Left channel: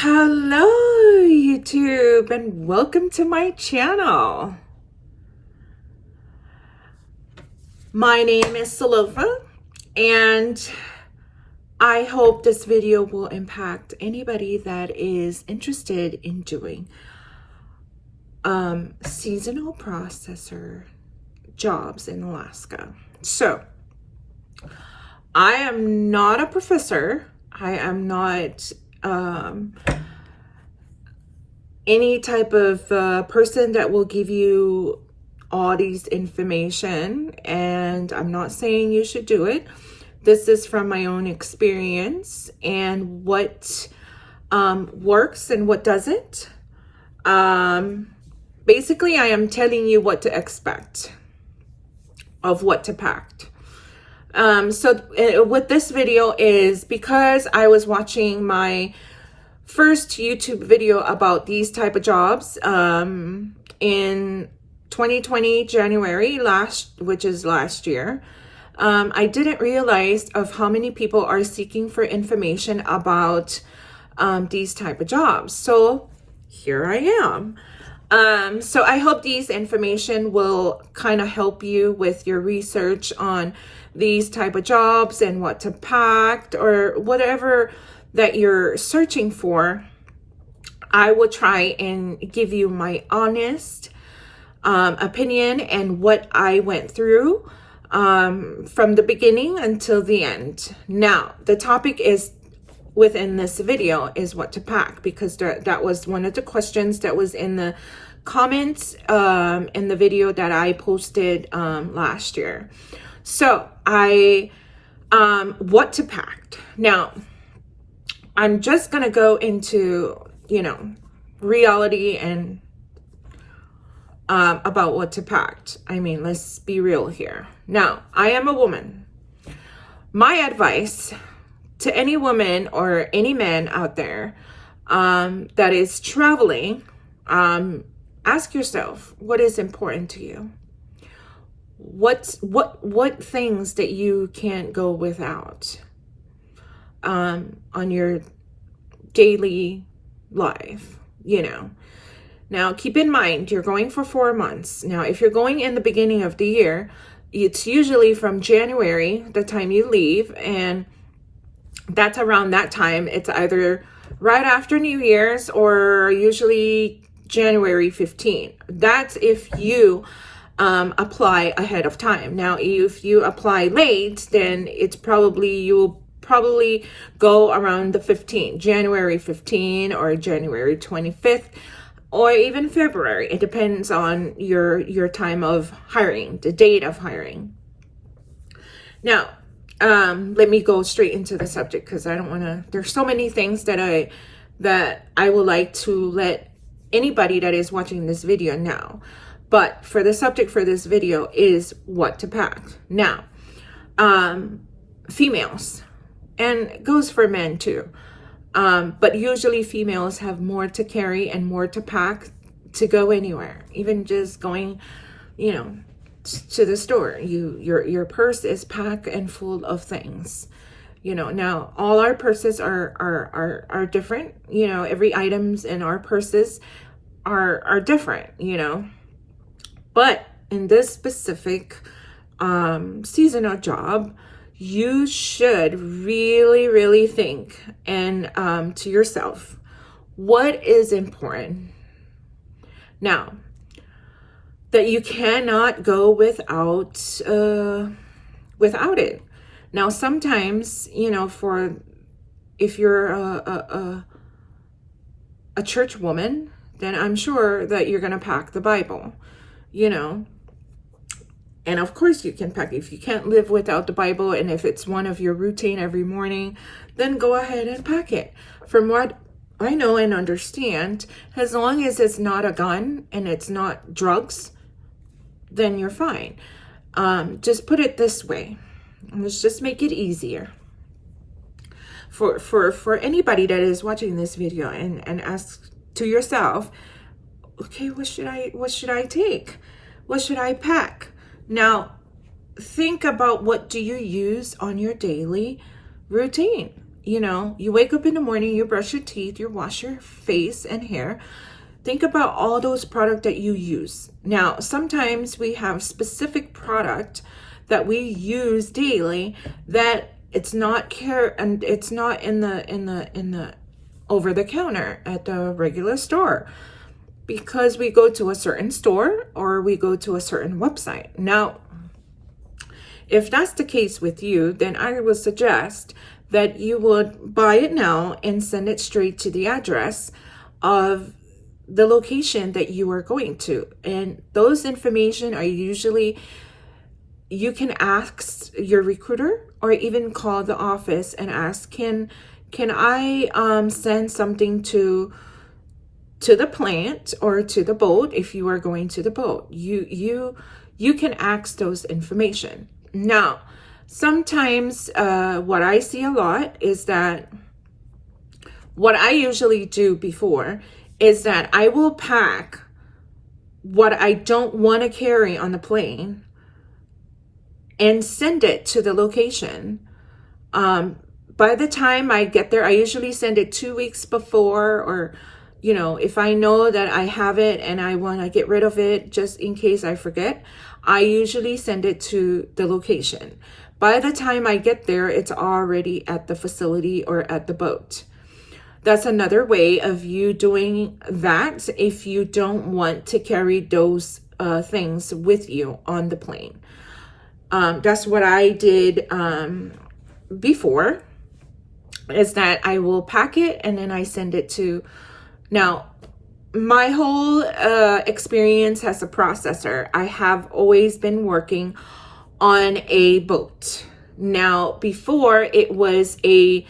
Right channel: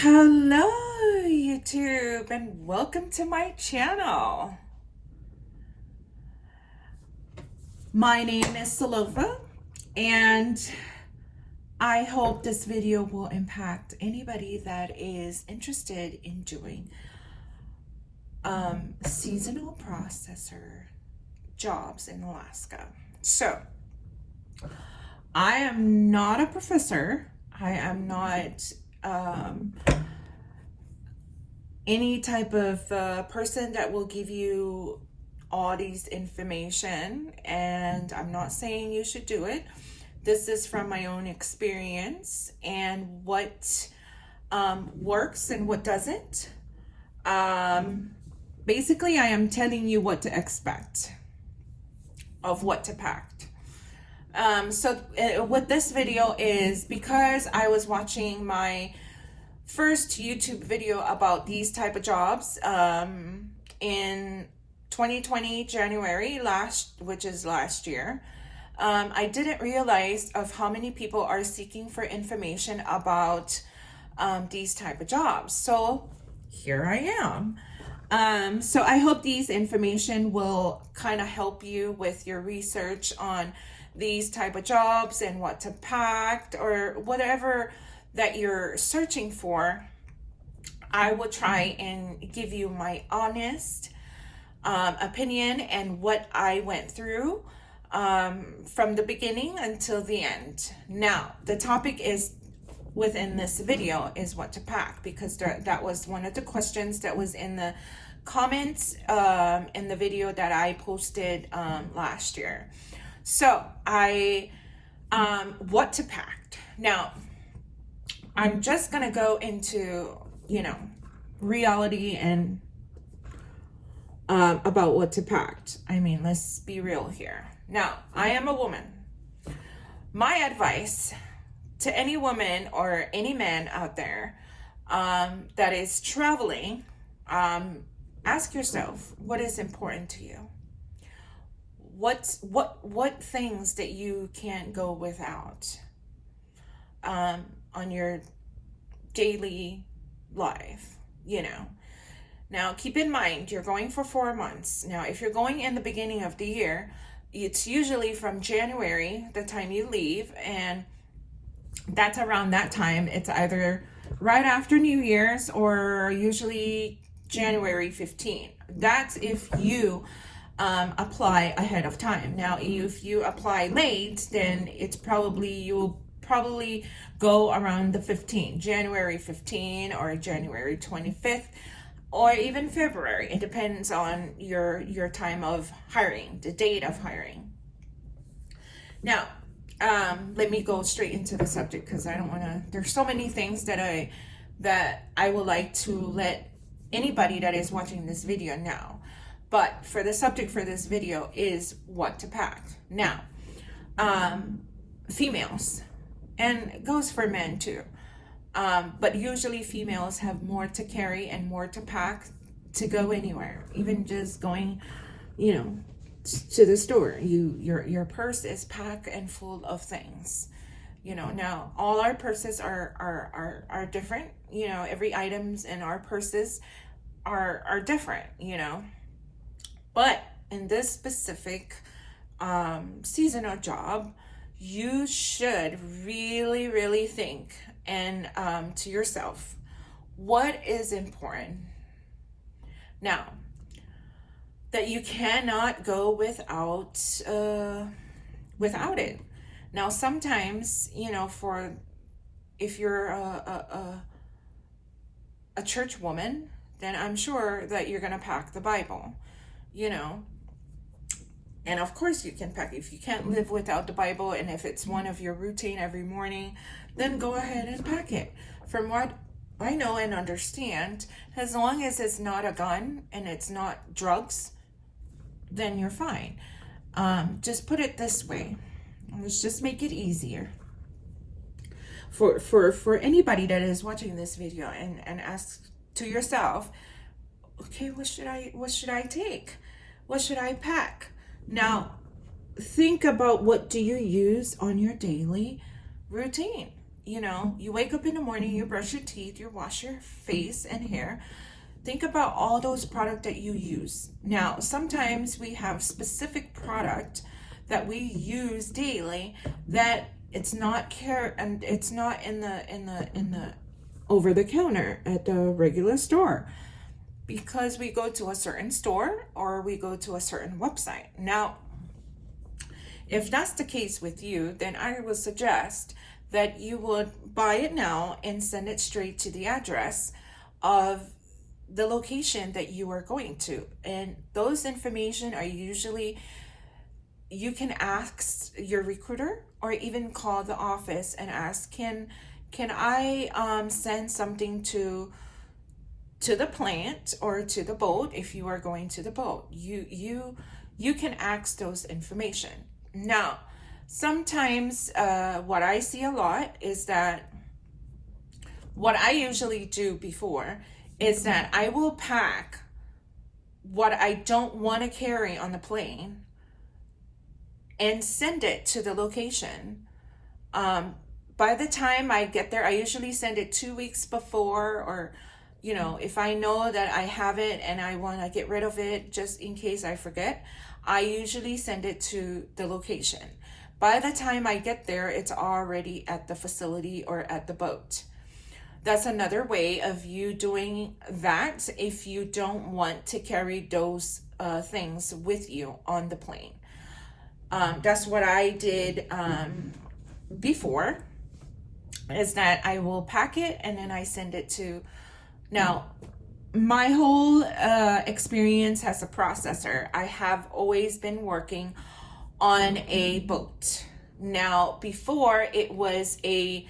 Hello, YouTube, and welcome to my channel. My name is Salova, and I hope this video will impact anybody that is interested in doing seasonal processor jobs in Alaska. So, I am not a professor. I am not any type of person that will give you all these information, and I'm not saying you should do it. This is from my own experience and what works and what doesn't. Basically, I am telling you what to expect of what to pack. What this video is, because I was watching my first YouTube video about these type of jobs in 2020 January, which is last year. I didn't realize of how many people are seeking for information about these type of jobs. So here I am. So I hope these information will kind of help you with your research on these type of jobs and what to pack or whatever that you're searching for. I will try and give you my honest opinion and what I went through from the beginning until the end. Now, the topic is within this video is what to pack, because that was one of the questions that was in the comments in the video that I posted last year. So what to pack. Now, I'm just gonna go into, reality and about what to pack. I mean, let's be real here. Now, I am a woman. My advice to any woman or any man out there that is traveling, ask yourself, what is important to you? What things that you can't go without on your daily life, Now, keep in mind, you're going for 4 months. Now, if you're going in the beginning of the year, it's usually from January, the time you leave, and that's around that time. It's either right after New Year's or usually January 15th. That's if you apply ahead of time. Now, if you apply late, then you'll probably go around the 15th, January 15 or January 25th, or even February. It depends on your time of hiring, the date of hiring. Now, let me go straight into the subject, because I don't want to, there's so many things that I would like to let anybody that is watching this video know. But for the subject for this video is what to pack. Now, females, and it goes for men too. But usually females have more to carry and more to pack to go anywhere, even just going, to the store. Your purse is packed and full of things. Now all our purses are different. Every items in our purses are different. But in this specific seasonal job, you should really, really think and to yourself, what is important? Now, that you cannot go without it. Now, sometimes, if you're a church woman, then I'm sure that you're gonna pack the Bible, And of course you can pack. If you can't live without the Bible, and if it's one of your routine every morning, then go ahead and pack it. From what I know and understand, as long as it's not a gun and it's not drugs, then you're fine. Just put it this way. Let's just make it easier. For anybody that is watching this video and ask to yourself, okay, what should I take? What should I pack? Now, think about, what do you use on your daily routine? you know, you wake up in the morning, you brush your teeth, you wash your face and hair. Think about all those products that you use. Now, sometimes we have specific product that we use daily that it's not and it's not in the over the counter at the regular store, because we go to a certain store or we go to a certain website. Now, if that's the case with you, then I would suggest that you would buy it now and send it straight to the address of the location that you are going to. And those information are usually, you can ask your recruiter or even call the office and ask, can I send something to the plant or to the boat? If you are going to the boat, you can ask those information. Now, sometimes what I see a lot is that what I usually do before is that I will pack what I don't want to carry on the plane and send it to the location. By the time I get there, I usually send it 2 weeks before, or, you know, if I know that I have it and I want to get rid of it just in case I forget, I usually send it to the location. By the time I get there, it's already at the facility or at the boat. That's another way of you doing that if you don't want to carry those things with you on the plane. That's what I did before, is that I will pack it and then I send it to. Now, my whole experience as a processor, I have always been working on a boat. Now, before it was a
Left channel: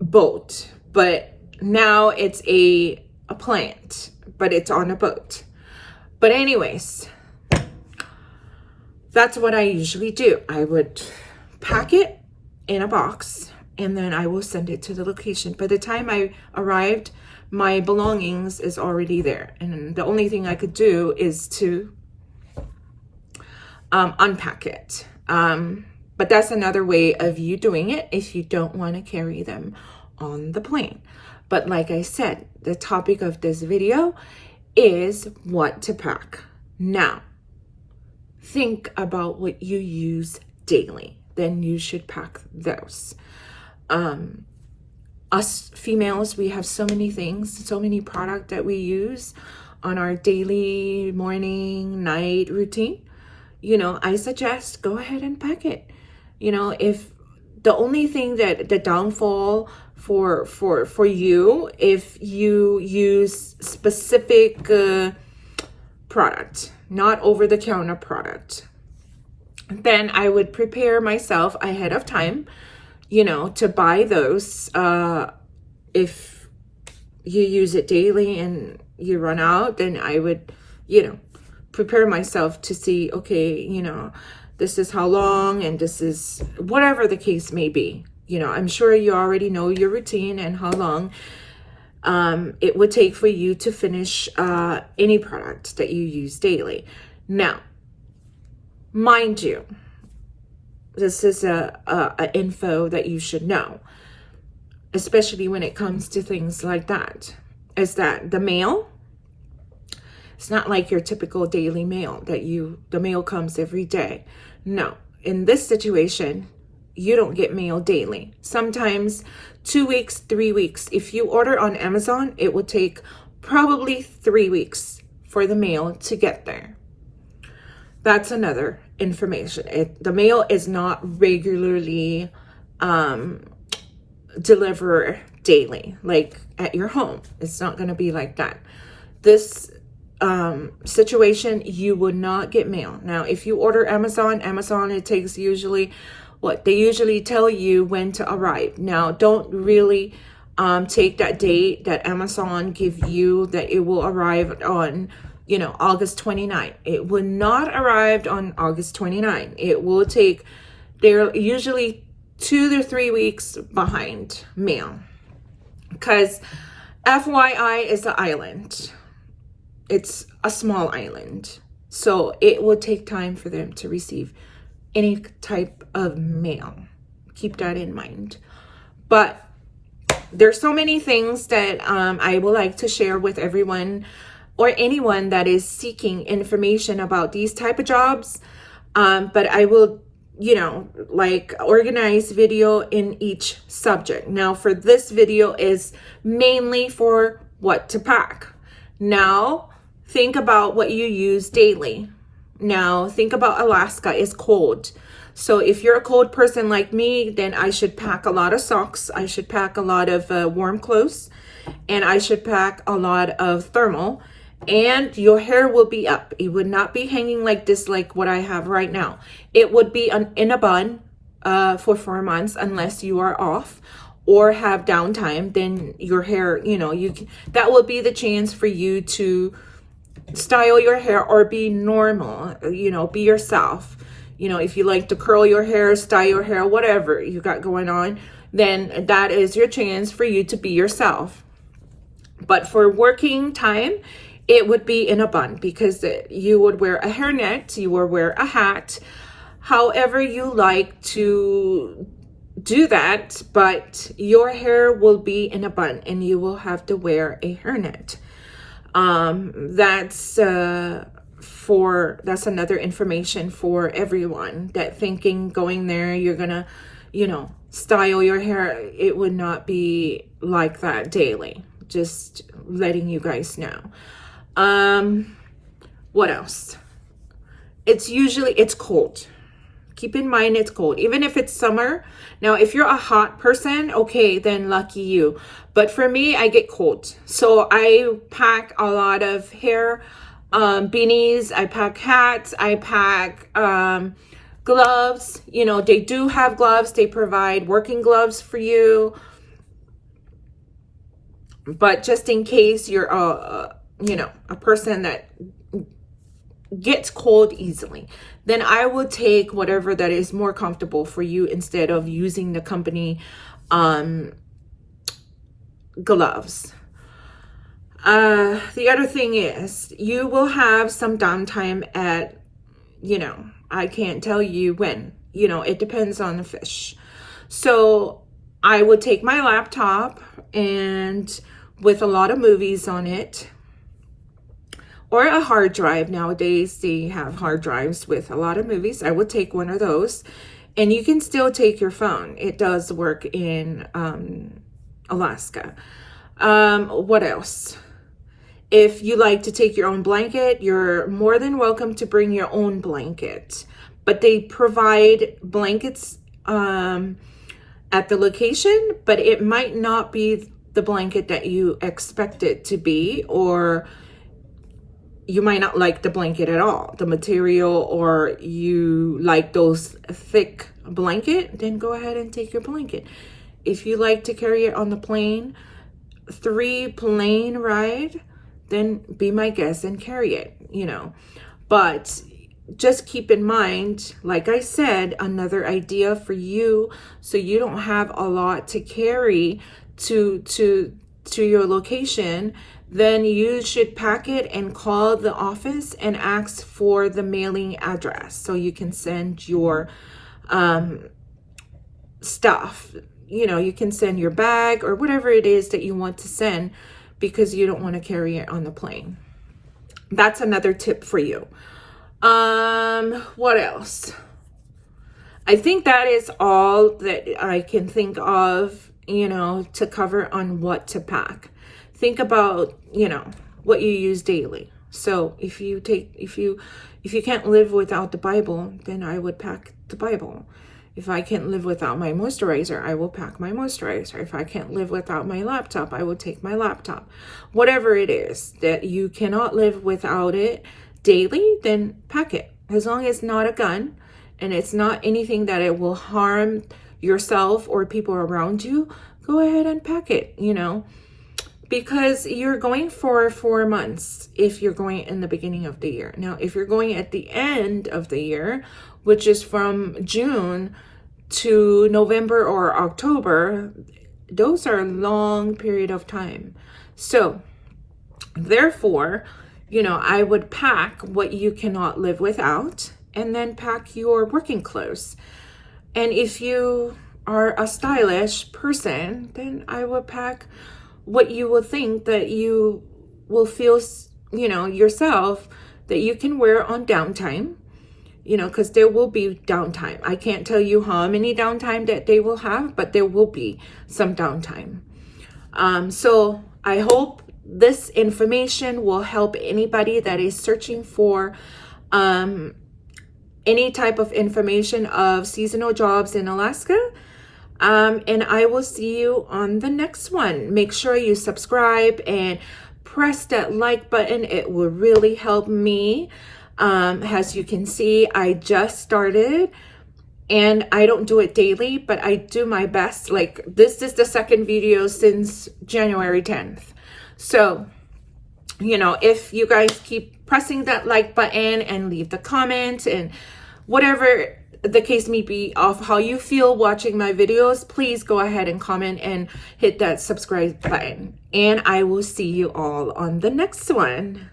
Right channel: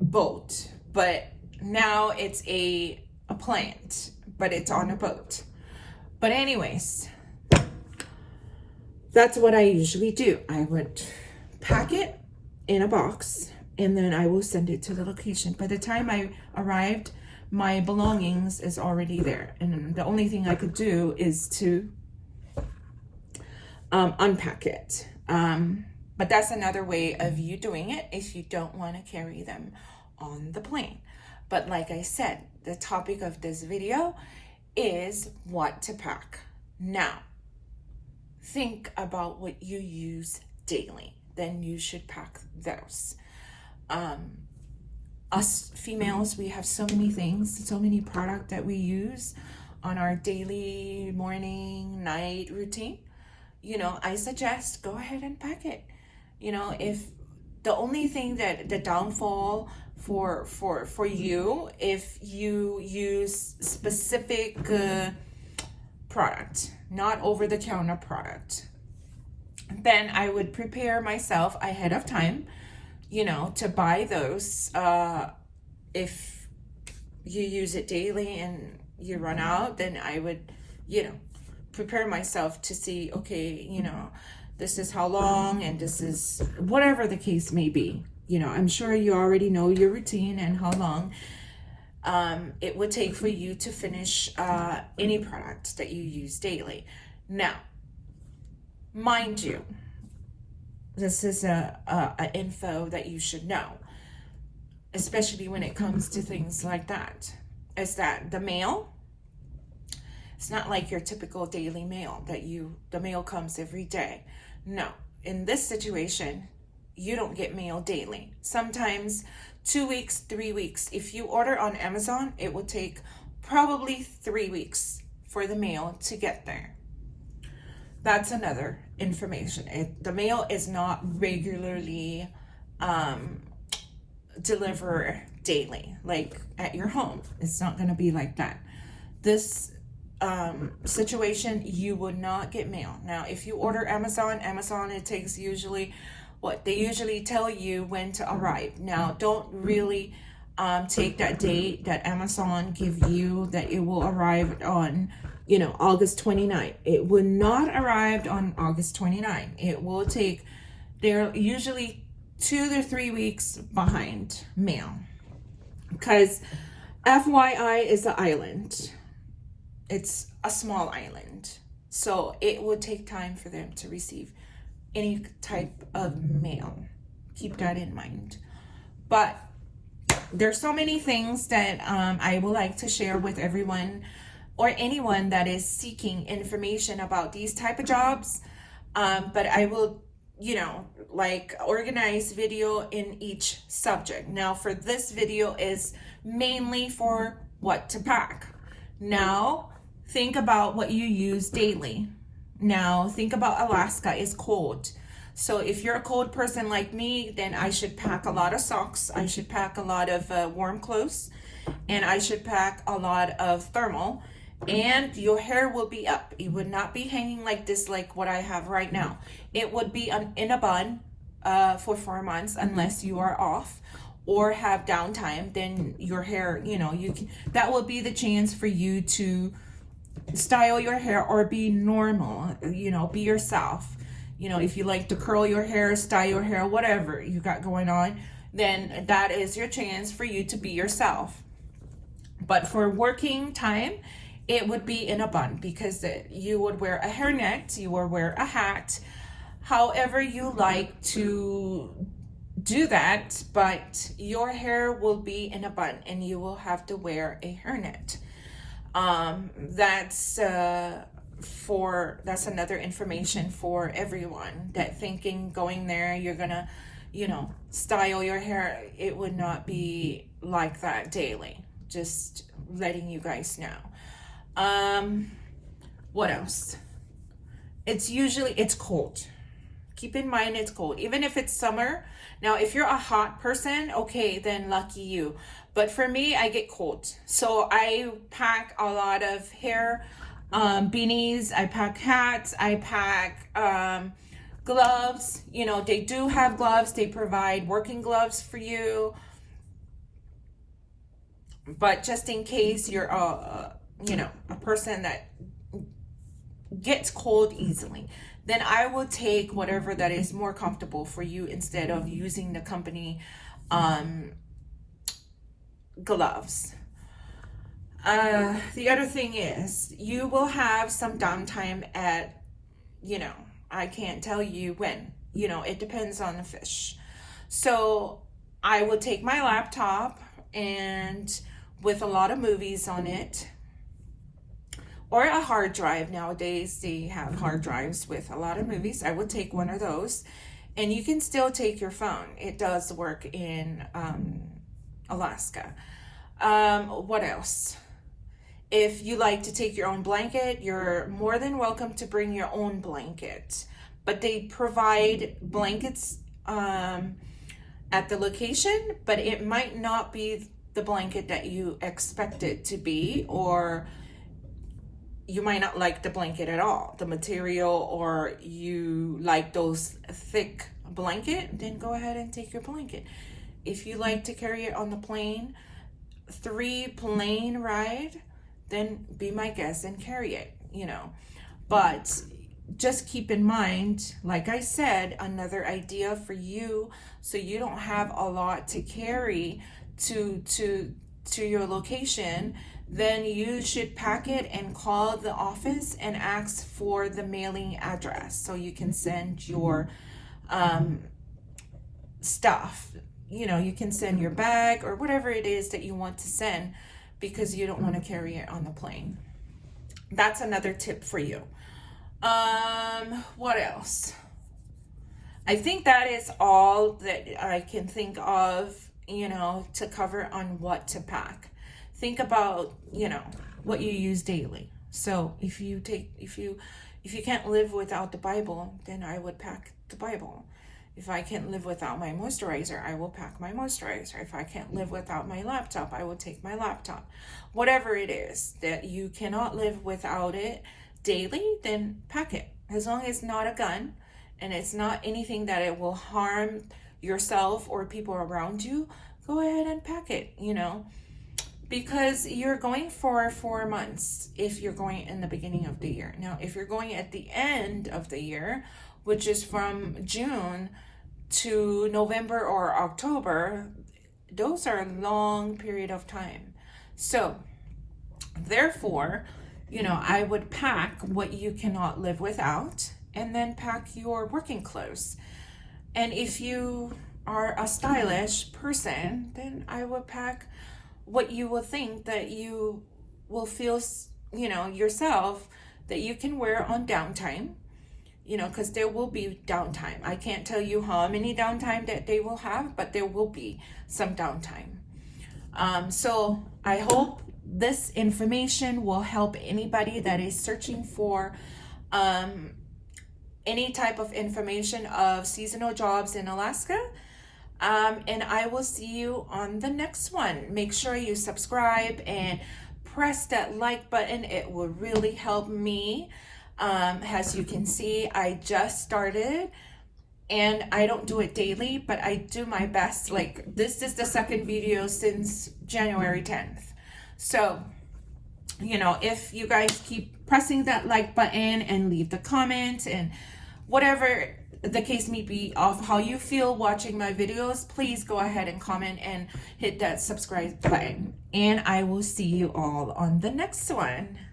boat, but now it's a plant, but it's on a boat. But anyways, that's what I usually do. I would pack it in a box and then I will send it to the location. By the time I arrived, my belongings is already there. And the only thing I could do is to unpack it. But that's another way of you doing it if you don't want to carry them on the plane. But like I said, the topic of this video is what to pack. Now, think about what you use daily. Then you should pack those. Us females, we have so many things, so many products that we use on our daily morning, night routine. You know, I suggest go ahead and pack it. You know, if the only thing that the downfall for you, if you use specific product, not over-the-counter product, then I would prepare myself ahead of time, you know, to buy those. If you use it daily and you run out, then I would, you know, prepare myself to see, okay, you know, this is how long and this is whatever the case may be. You know, I'm sure you already know your routine and how long it would take for you to finish any product that you use daily. Now, mind you, this is a info that you should know, especially when it comes to things like that, is that the mail, it's not like your typical daily mail that the mail comes every day. No, in this situation, you don't get mail daily. Sometimes 2 weeks, 3 weeks. If you order on Amazon, it will take probably 3 weeks for the mail to get there. That's another information. The mail is not regularly delivered daily, like at your home. It's not going to be like that. This situation, you would not get mail. Now, if you order Amazon, it takes usually what they usually tell you when to arrive. Now, don't really take that date that Amazon give you that it will arrive on, you know, August 29th. It will not arrive on August 29th. It will take, they're usually 2 to 3 weeks behind mail, because FYI is an island. It's a small island, so it will take time for them to receive any type of male. Keep that in mind. But there's so many things that I would like to share with everyone or anyone that is seeking information about these type of jobs. But I will, like organize video in each subject. Now for this video is mainly for what to pack. Now think about what you use daily. Now think about Alaska. It's cold. So if you're a cold person like me, then I should pack a lot of socks. I should pack a lot of warm clothes, and I should pack a lot of thermal, and your hair will be up. It would not be hanging like this, like what I have right now. It would be in a bun for 4 months, unless you are off or have downtime. Then your hair, that will be the chance for you to style your hair or be normal, be yourself. If you like to curl your hair, style your hair, whatever you got going on, then that is your chance for you to be yourself. But for working time, it would be in a bun, because you would wear a hairnet, you would wear a hat, however you like to do that, but your hair will be in a bun and you will have to wear a hairnet. That's another information for everyone that thinking going there, you're gonna, style your hair. It would not be like that daily. Just letting you guys know. What else? It's cold. Keep in mind it's cold, even if it's summer. Now, if you're a hot person, okay, then lucky you. But for me, I get cold. So I pack a lot of hair, beanies, I pack hats, I pack gloves. They do have gloves. They provide working gloves for you. But just in case you're a person that gets cold easily, then I will take whatever that is more comfortable for you instead of using the company gloves. The other thing is, you will have some downtime at, I can't tell you when, it depends on the fish. So I would take my laptop, and with a lot of movies on it, or a hard drive. Nowadays they have hard drives with a lot of movies. I would take one of those, and you can still take your phone. It does work in Alaska. What else? If you like to take your own blanket, you're more than welcome to bring your own blanket. But they provide blankets at the location, but it might not be the blanket that you expect it to be, or you might not like the blanket at all, the material, or you like those thick blanket, then go ahead and take your blanket. If you like to carry it on the plane, 3 plane ride, then be my guest and carry it, But just keep in mind, like I said, another idea for you, so you don't have a lot to carry to your location, then you should pack it and call the office and ask for the mailing address so you can send your stuff. You can send your bag or whatever it is that you want to send, because you don't want to carry it on the plane. That's another tip for you. What else? I think that is all that I can think of, to cover on what to pack. Think about, what you use daily. So if you can't live without the Bible, then I would pack the Bible. If I can't live without my moisturizer, I will pack my moisturizer. If I can't live without my laptop, I will take my laptop. Whatever it is that you cannot live without it daily, then pack it. As long as it's not a gun and it's not anything that it will harm yourself or people around you, go ahead and pack it, because you're going for 4 months if you're going in the beginning of the year. Now, if you're going at the end of the year, which is from June to November or October, those are a long period of time. So therefore, I would pack what you cannot live without, and then pack your working clothes. And if you are a stylish person, then I would pack what you will think that you will feel, you know, yourself, that you can wear on downtime, you know, because there will be downtime. I can't tell you how many downtime that they will have, but there will be some downtime. So I hope this information will help anybody that is searching for any type of information of seasonal jobs in Alaska. And I will see you on the next one. Make sure you subscribe and press that like button. It will really help me. As you can see, I just started and I don't do it daily, but I do my best. Like, this is the second video since January 10th. So, you know, if you guys keep pressing that like button and leave the comments and whatever the case may be of how you feel watching my videos, please go ahead and comment and hit that subscribe button. And I will see you all on the next one.